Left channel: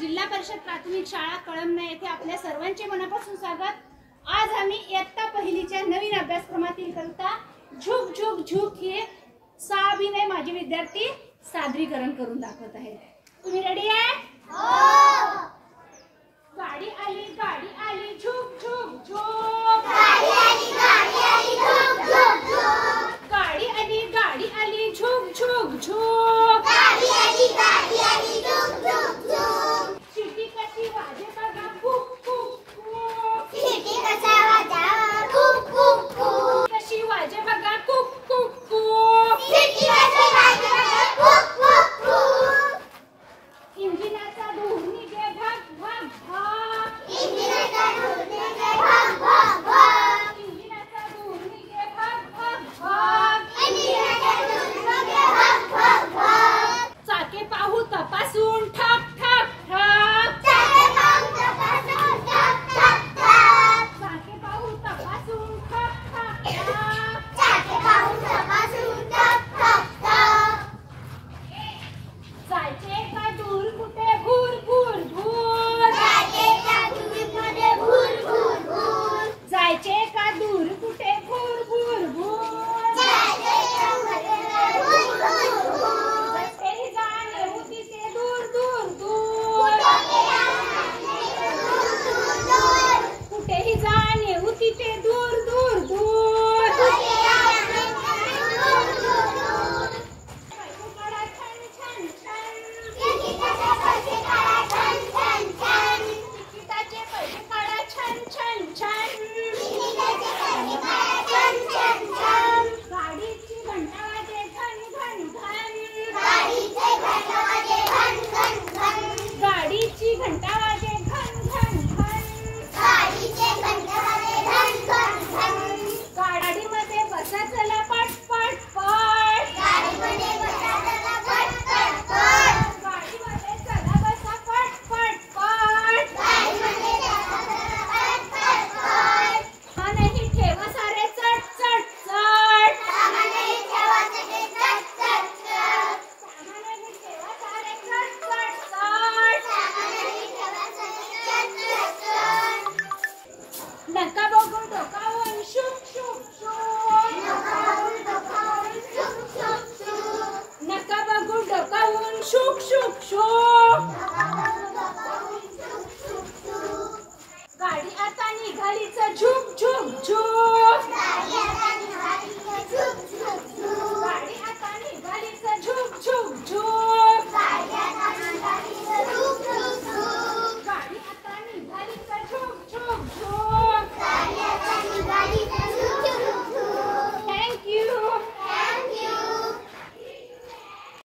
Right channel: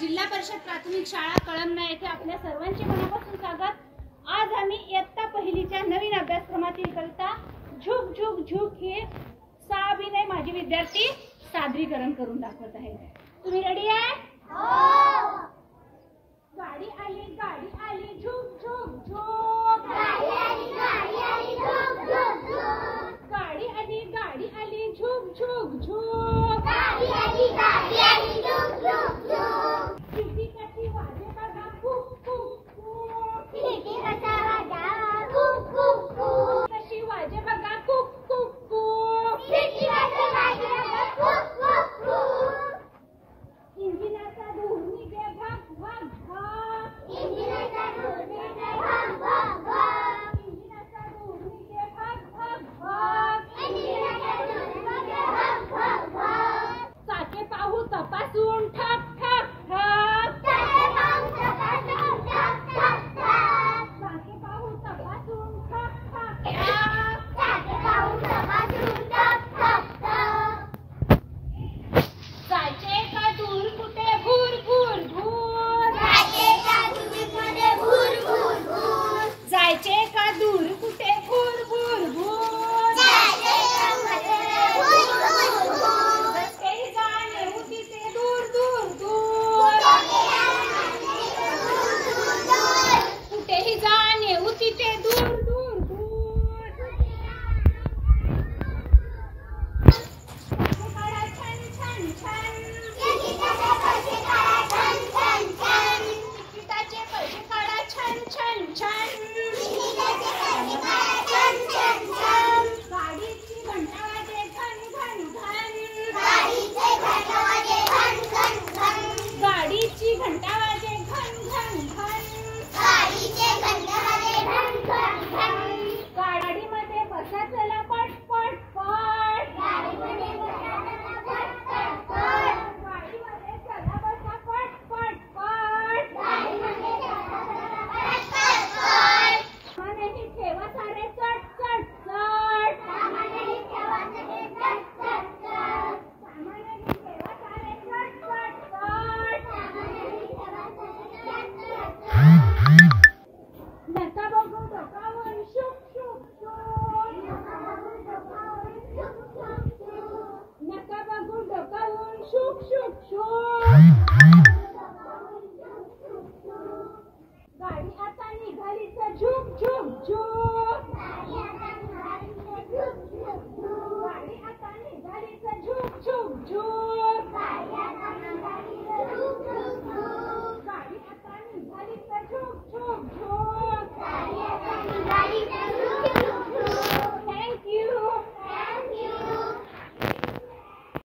जिल्हा परिषद प्राथमिक शाळा कळमना येथे आपल्या सर्वांचे मनापासून स्वागत। आज आम्ही इयत्ता पहिलीच्या नवीन अभ्यासक्रमातील कविता झुक झुक झुक हे 6 अभिनय माझे विद्यार्थी सादरीकरण करून दाखवत आहेत। तुम्ही रेडी आहे? हो। गाडी आली झुक झुक झुक। गाडी आली झुक झुक झुक। गाडी आली झुक झुक झुक। गाडी आली झुक झुक झुक। सिटी कशी वाजे बघा कुक कुक कुक। सिटी कसा वाजा कुक कुक कुक। कशी वाजे बघा कुक कुक कुक। सिटी कशी वाजे बघा कुक कुक कुक। इंजिनाचा धूर निघे भग भग भग। इंजिनाचा धूर निघे भग भग भग। इंजिनाचा धूर निघे भग भग भग। इंजिनाचा धूर निघे भग भग भग। चाके पाहू तपासून ठक ठक ठक। चाके पाहू तपासून ठक ठक ठक। चाके पाहू तपासून ठक ठक ठक। चाके पाहू तपासून ठक ठक ठक। जायचे का दूर कुठे भूर भूर भूर। जायचे का दूर कुठे भूर भूर भूर। जायचे का दूर कुठे भूर भूर भूर। जायचे का कुठे भूर भूर भूर। जसे जाणे उतीचे दूर दूर दूर। कुठेही जाणे उतीचे दूर दूर दूर। तिकिटाचे पैसे काढा छन छन छन। गाडीची घंटा वाजे घन घन घन। गाडीची घंटा वाजे घन घन घन। गाडीची घंटा वाजे घन घन घन। गाडीचे घंटा वाजे घन घन घन। गाडीमध्ये बसा चला पट पट पट। गाडीमध्ये बसा चला पट पट पट। गाडीमध्ये चला बसा पट पट पट। गाडीमध्ये चला बसा पट पट पट। सामानही ठेवा सारे चट चट चट। सामानही ठेवा सारे चट चट चट। सामानही ठेवा सारे चट चट चट। सामानही ठेवा सारे चट चट चट। नका बघून डोकावून शुक शुक शुक। नका बघून डोकावून शुक शुक शुक। नका बघून डोकावून शुक शुक शुक।